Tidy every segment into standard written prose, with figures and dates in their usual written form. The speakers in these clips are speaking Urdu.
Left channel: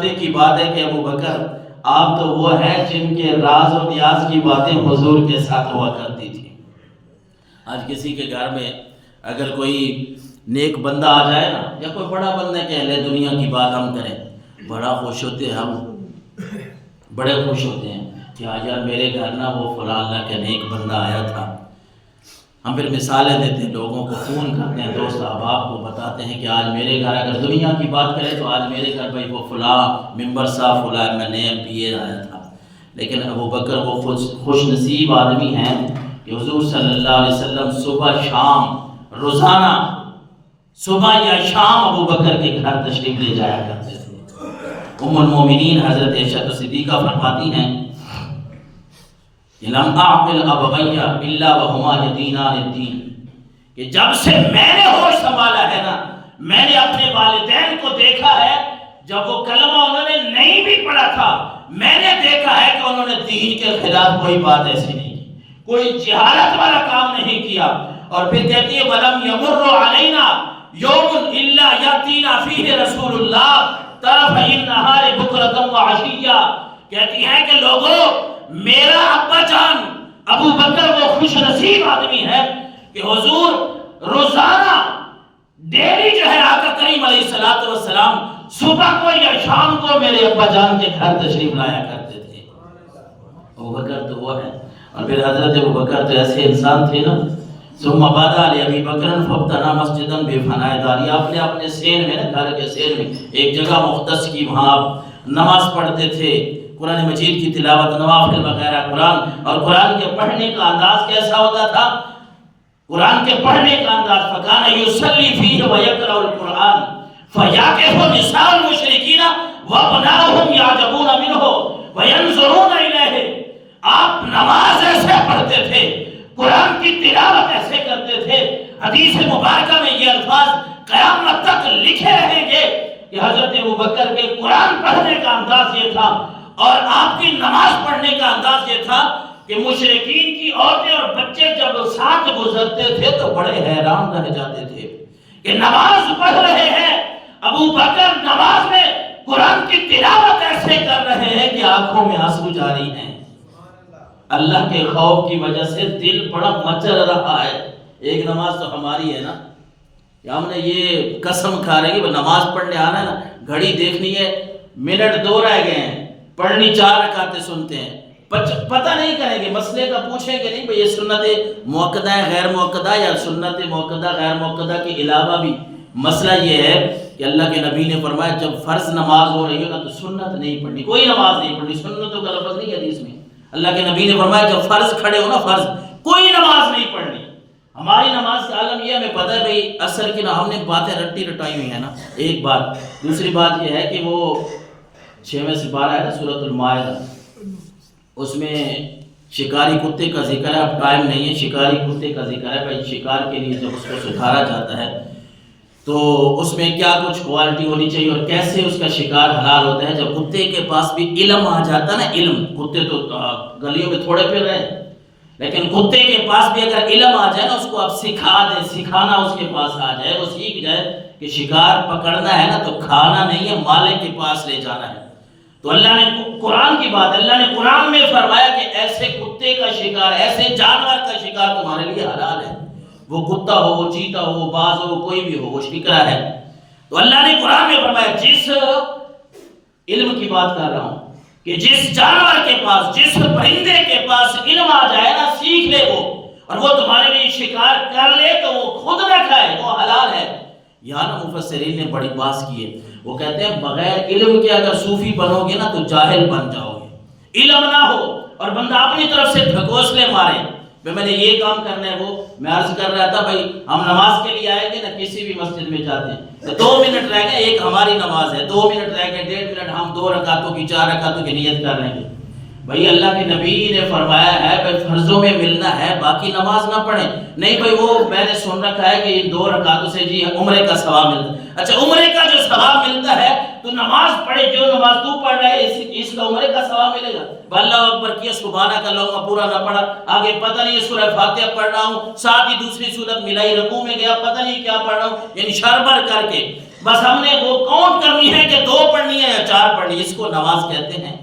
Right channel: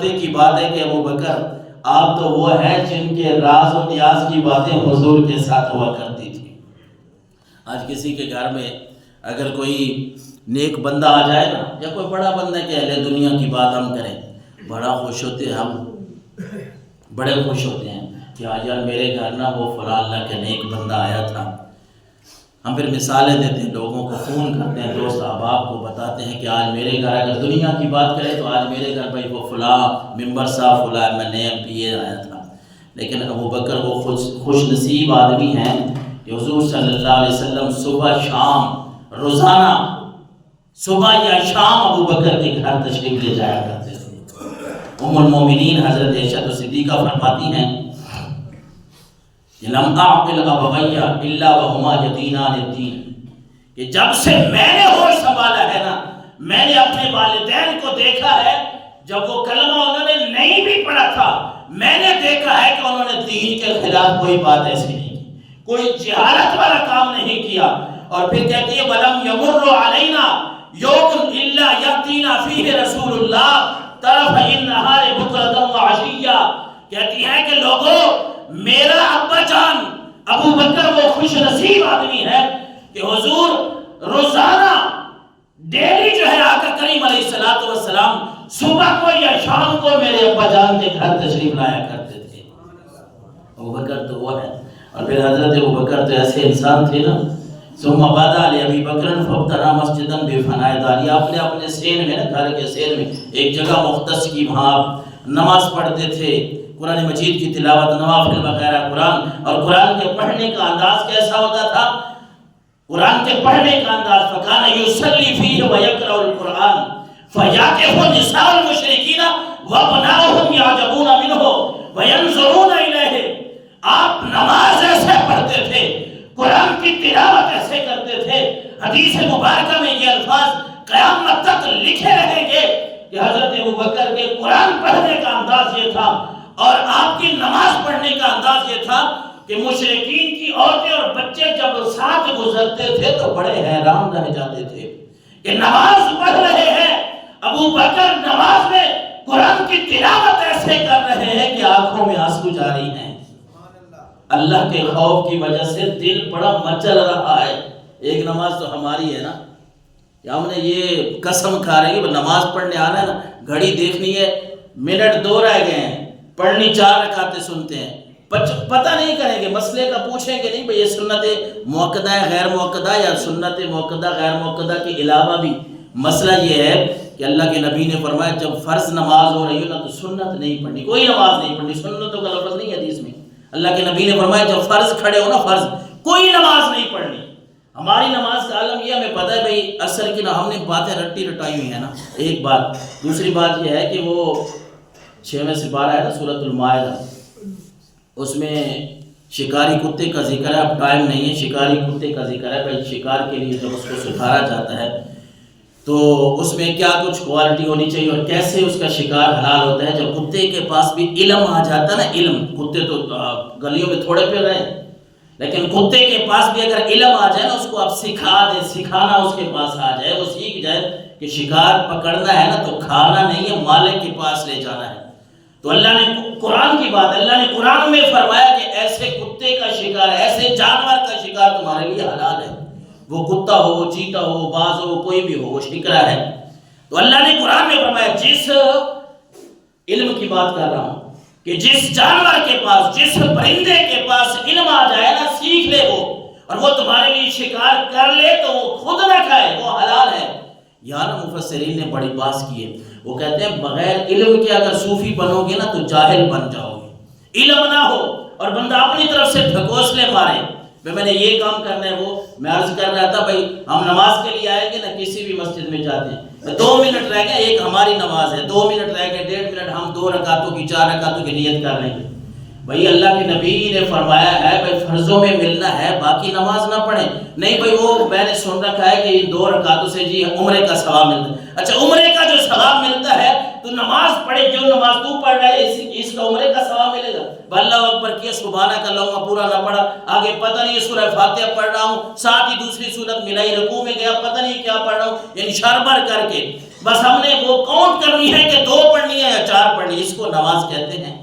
پردے کی بات ہے کہ ابو بکر آپ تو وہ ہیں جن کے راز و نیاز کی باتیں حضور کے ساتھ ہوا کرتی تھی۔ آج کسی کے گھر میں اگر کوئی نیک بندہ آ جائے نا، یا کوئی بڑا بندہ کہ اہل دنیا کی بات ہم کریں، بڑا خوش ہوتے ہیں، ہم بڑے خوش ہوتے ہیں کہ آج یار میرے گھر نا وہ فلاں اللہ کا نیک بندہ آیا تھا۔ ہم پھر مثالیں دیتے ہیں، لوگوں کو فون کرتے ہیں، دوست احباب کو بتاتے ہیں کہ آج میرے گھر اگر دنیا کی بات کرے تو آج میرے گھر بھائی وہ فلاں ممبر صاحب، فلاں MP آیا تھا۔ لیکن ابو بکر وہ خوش نصیب آدمی ہیں کہ حضور صلی اللہ علیہ وسلم صبح شام، روزانہ صبح یا شام ابو بکر کے گھر تشریف لے جایا کرتے تھے۔ ام المومنین حضرت عائشہ صدیقہ فرماتی ہیں لم اعقل ابویہ الا وہما یدینان الدین، کہ جب سے میں نے ہوش سنبھالا ہے نا، میں نے اپنے والدین کو دیکھا ہے جب وہ کلمہ انہوں نے نہیں بھی پڑھا تھا، میں نے دیکھا ہے کہ انہوں نے دین کے خلاف کوئی بات ایسی نہیں کی، کوئی جہالت والا کام نہیں کیا۔ اور پھر کہتی ہے وَلَمْ يَمُرُّ عَلَيْنَا يَوْمٌ إِلَّا يَأْتِينَا فِيهِ رَسُولُ اللَّهِ طَرَفَيِ النَّهَارِ بُكْرَةً وَعَشِيًّا، کہتی ہیں کہ لوگوں، میرا ابا جان ابو بکر وہ خوش نصیب آدمی ہے کہ حضور روزانہ ڈیلی جو ہے آقا کریم علیہ السلام صبح کو یا شام کو میرے ابا جان کے گھر تشریف لایا کرتے تھے۔ ابو بکر تو وہ ہے۔ اور پھر حضرت ابو بکر تو ایسے انسان تھے نا، ثم بدا لابی بکر فابتنا مسجدا بفناء داری، آپ نے اپنے سین میں نا، گھر کے سین میں ایک جگہ مختص کی، وہاں آپ نماز پڑھتے تھے، قرآن مجید کی تلاوت، نوافل وغیرہ قرآن۔ اور قرآن کے پڑھنے کا انداز کیسا ہوتا تھا؟ قرآن کے پڑھنے کا انداز فکان یصلی فیہ ویقرأ القرآن فیعکف نساء المشرکین وابناؤہم یعجبون منہ وینظرون الیہ، آپ نماز ایسے پڑھتے تھے، قرآن کی تلاوت ایسے کرتے تھے، حدیث مبارکہ میں یہ الفاظ قیامت تک لکھے رہیں گے کہ حضرت ابوبکر کے قرآن پڑھنے کا انداز یہ تھا اور آپ کی نماز پڑھنے کا انداز یہ تھا کہ مشرکین کی عورتیں اور بچے جب ساتھ گزرتے تھے تو بڑے حیران رہ جاتے تھے کہ نماز پڑھ رہے ہیں، ابو بکر نماز میں قرآن کی تلاوت ایسے کر رہے ہیں کہ آنکھوں میں آنسو جاری ہیں۔ اللہ کے خوف کی وجہ سے دل بڑا مچل رہا ہے۔ ایک نماز تو ہماری ہے نا، ہم نے یہ قسم کھا رہے ہیں کہ نماز پڑھنے آنا ہے نا، گھڑی دیکھنی ہے، منٹ 2 رہ گئے ہیں، پڑھنی 4 رکعتیں سنتے ہیں، پتہ نہیں کریں گے، مسئلے کا پوچھیں گے نہیں بھئی یہ سنت موقدہ ہے غیر موقدہ، یا سنت موقدہ غیر موقدہ کے علاوہ بھی مسئلہ یہ ہے کہ اللہ کے نبی نے فرمایا جب فرض نماز ہو رہی ہو نا تو سنت نہیں پڑھنی، کوئی نماز نہیں پڑھنی، سنتوں کا لفظ نہیں حدیث میں۔ اللہ کے نبی نے فرمایا جب فرض کھڑے ہو نا، فرض کوئی نماز نہیں پڑھنی۔ ہماری نماز کا عالم یہ ہمیں پتہ ہے بھئی اثر کی نا، ہم نے باتیں رٹی رٹائی ہوئی ہیں نا، ایک بات۔ دوسری بات یہ ہے کہ وہ 6 سپارہ ہے نا سورۃ المائدہ، اس میں شکاری کتے کا ذکر ہے، اب ٹائم نہیں ہے، شکاری کتے کا ذکر ہے بھائی، شکار کے لیے جب اس کو سکھایا جاتا ہے تو اس میں کیا کچھ کوالٹی ہونی چاہیے اور کیسے اس کا شکار حلال ہوتا ہے۔ جب کتے کے پاس بھی علم آ جاتا نا، علم، کتے تو گلیوں میں تھوڑے پھر رہے ہیں، لیکن کتے کے پاس بھی اگر علم آ جائے نا، اس کو آپ سکھا دیں، سکھانا اس کے پاس آ جائے، وہ سیکھ جائے کہ شکار پکڑنا ہے نا تو کھانا نہیں ہے، مالک کے پاس لے جانا ہے۔ تو اللہ نے قرآن کی بات، اللہ نے قرآن میں فرمایا کہ ایسے کتے کا شکار، ایسے جانور کا شکار تمہارے لیے حلال ہے، وہ کتا ہو، وہ چیتا ہو، وہ باز ہو، کوئی بھی ہو، وہ شکرا ہے۔ تو اللہ نے قرآن میں فرمایا، جس علم کی بات کر رہا ہوں کہ جس جانور کے پاس، جس پرندے کے پاس علم آ جائے نا، سیکھ لے وہ، اور وہ تمہارے لیے شکار کر لے تو وہ خود نہ کھائے، وہ حلال ہے۔ یہاں نا مفسرین نے بڑی بات کی ہے، وہ کہتے ہیں بغیر علم کے اگر صوفی بنو گے نا تو جاہل بن جاؤ گے۔ علم نہ ہو اور بندہ اپنی طرف سے ڈھکوسلے مارے، میں نے یہ کام کرنا ہے، وہ میں عرض کر رہا تھا بھائی ہم نماز کے لیے آئیں گے نا، کسی بھی مسجد میں جاتے ہیں، 2 منٹ رہ گئے، ایک ہماری نماز ہے، 2 منٹ رہ گئے، 1.5 منٹ ہم 2 رکعتوں کی 4 رکعتوں کی نیت کر لیں گے۔ بھائی اللہ کے نبی نے فرمایا ہے بھائی فرضوں میں ملنا ہے، باقی نماز نہ پڑھیں۔ نہیں بھائی وہ میں نے سن رکھا ہے کہ ان 2 رکعتوں سے جی عمرے کا ثواب ملتا ہے۔ اچھا عمرے کا جو ثواب ملتا ہے تو نماز پڑھے، جو نماز تو پڑھ رہا ہے اس کا عمرے کا ثواب ملے گا۔ اللہ اکبر کیا، سبحانک اللہم پورا نہ پڑھا، آگے پتہ نہیں سورہ فاتحہ پڑھ رہا ہوں، ساتھ ہی دوسری سورت ملائی، رکوع میں گیا پتہ نہیں کیا پڑھ رہا ہوں، یعنی شربر کر کے بس ہم نے وہ کاؤنٹ کرنی ہے کہ 2 پڑھنی ہے یا 4 پڑھنی ہے، اس کو نماز کہتے ہیں؟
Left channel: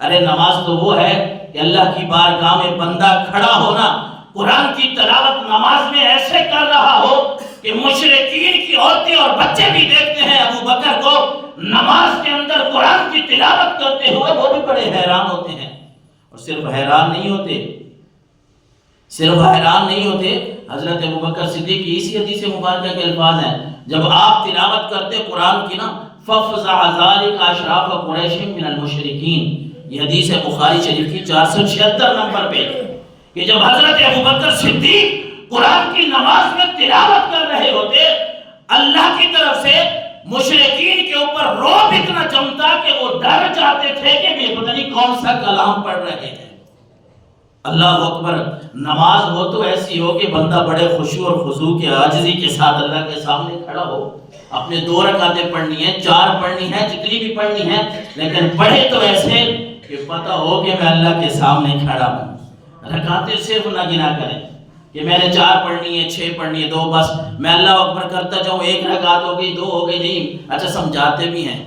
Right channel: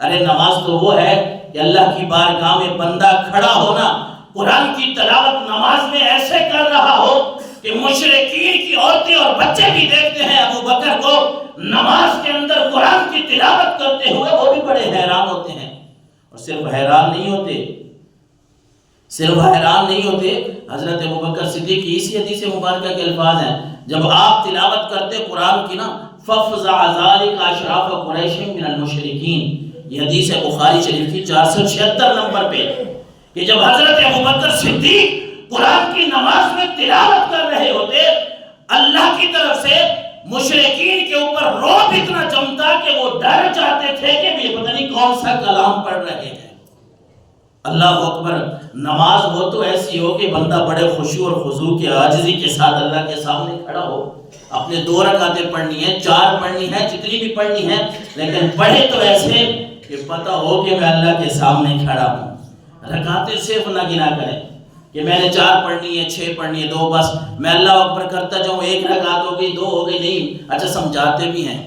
ارے نماز تو وہ ہے کہ اللہ کی بارگاہ میں بندہ کھڑا ہونا، قرآن کی تلاوت نماز میں ایسے کر رہا ہو کہ مشرکین کی عورتیں اور بچے بھی دیکھتے ہیں ابو بکر کو نماز کے اندر قرآن کی تلاوت کرتے ہوئے، وہ بھی بڑے حیران ہوتے ہیں۔ اور صرف حیران نہیں ہوتے، حضرت ابوبکر صدیق کی اسی حدیث مبارکہ کے الفاظ ہیں، جب آپ تلاوت کرتے قرآن کی نا، فَفْزَعَ ذَلِكَ أَشْرَافَ قُرَيْشٍ مِّنَ الْمُشْرِكِينَ، یہ حدیث ہے بخاری شریف کی 476 نمبر پہ، کہ جب حضرت ابوبکر صدیق قرآن کی نماز میں تلاوت کر رہے ہوتے، اللہ کی طرف سے مشرکین کے اوپر رعب اتنا جمتا کہ وہ ڈر جاتے تھے کہ یہ پتہ نہیں کون سا کلام پڑھ رہے ہیں۔ اللہ اکبر۔ نماز ہو تو ایسی ہو کہ بندہ بڑے خشوع اور خضوع کے عاجزی کے ساتھ اللہ کے سامنے کھڑا ہو، اپنے 2 رکعتیں پڑھنی ہیں، 4 پڑھنی ہیں، جتنی بھی پڑھنی ہیں، لیکن پڑھے تو ایسے کہ پتہ ہو کہ میں اللہ کے سامنے کھڑا ہوں۔ رکعتیں صرف نہ گنا کریں کہ میں نے 4 پڑھنی ہے، 6 پڑھنی ہے، 2 بس میں اللہ اکبر کرتا جاؤں، 1 رکعت ہو گئی، 2 ہو گئی، نہیں۔ اچھا سمجھاتے بھی ہیں،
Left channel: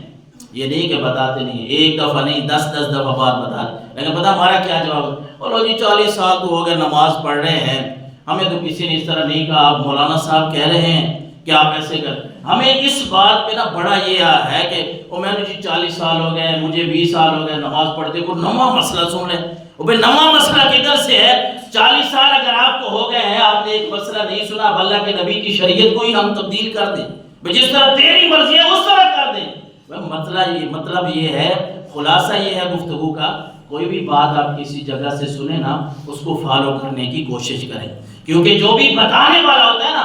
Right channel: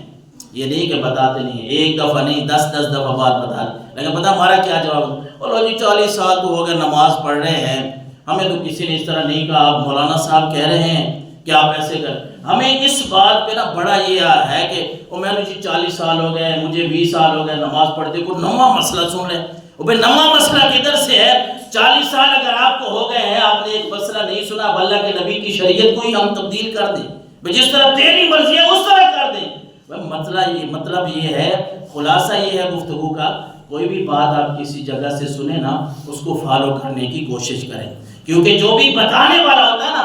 یہ نہیں کہ بتاتے نہیں، 1 دفعہ نہیں 10 دفعہ بات بتا، لیکن پتہ ہمارا کیا جواب ہے؟ اور جی 40 سال تو ہو گئے نماز پڑھ رہے ہیں، ہمیں تو کسی نے اس طرح نہیں کہا، آپ مولانا صاحب کہہ رہے ہیں کہ آپ ایسے کر۔ ہمیں اس بات پہ نا بڑا یہ ہے کہ میں نے جی 40 سال ہو گئے، مجھے 20 سال ہو گئے نماز پڑھتے، کوئی نواں مسئلہ سن لیں۔ بھئی نواں مسئلہ کدھر سے ہے؟ 40 سال اگر آپ کو ہو گئے ہیں، آپ نے ایک مسئلہ نہیں سنا، اب اللہ کے نبی کی شریعت کو ہی ہم تبدیل کر دیں، بھئی جس طرح تیری مرضی ہے اس طرح کر دیں۔ مطلب یہ ہے، خلاصہ یہ ہے گفتگو کا، کوئی بھی بات آپ کسی جگہ سے سنیں نا، اس کو فالو کرنے کی کوشش کریں، کیونکہ جو بھی بتانے والا ہوتا ہے نا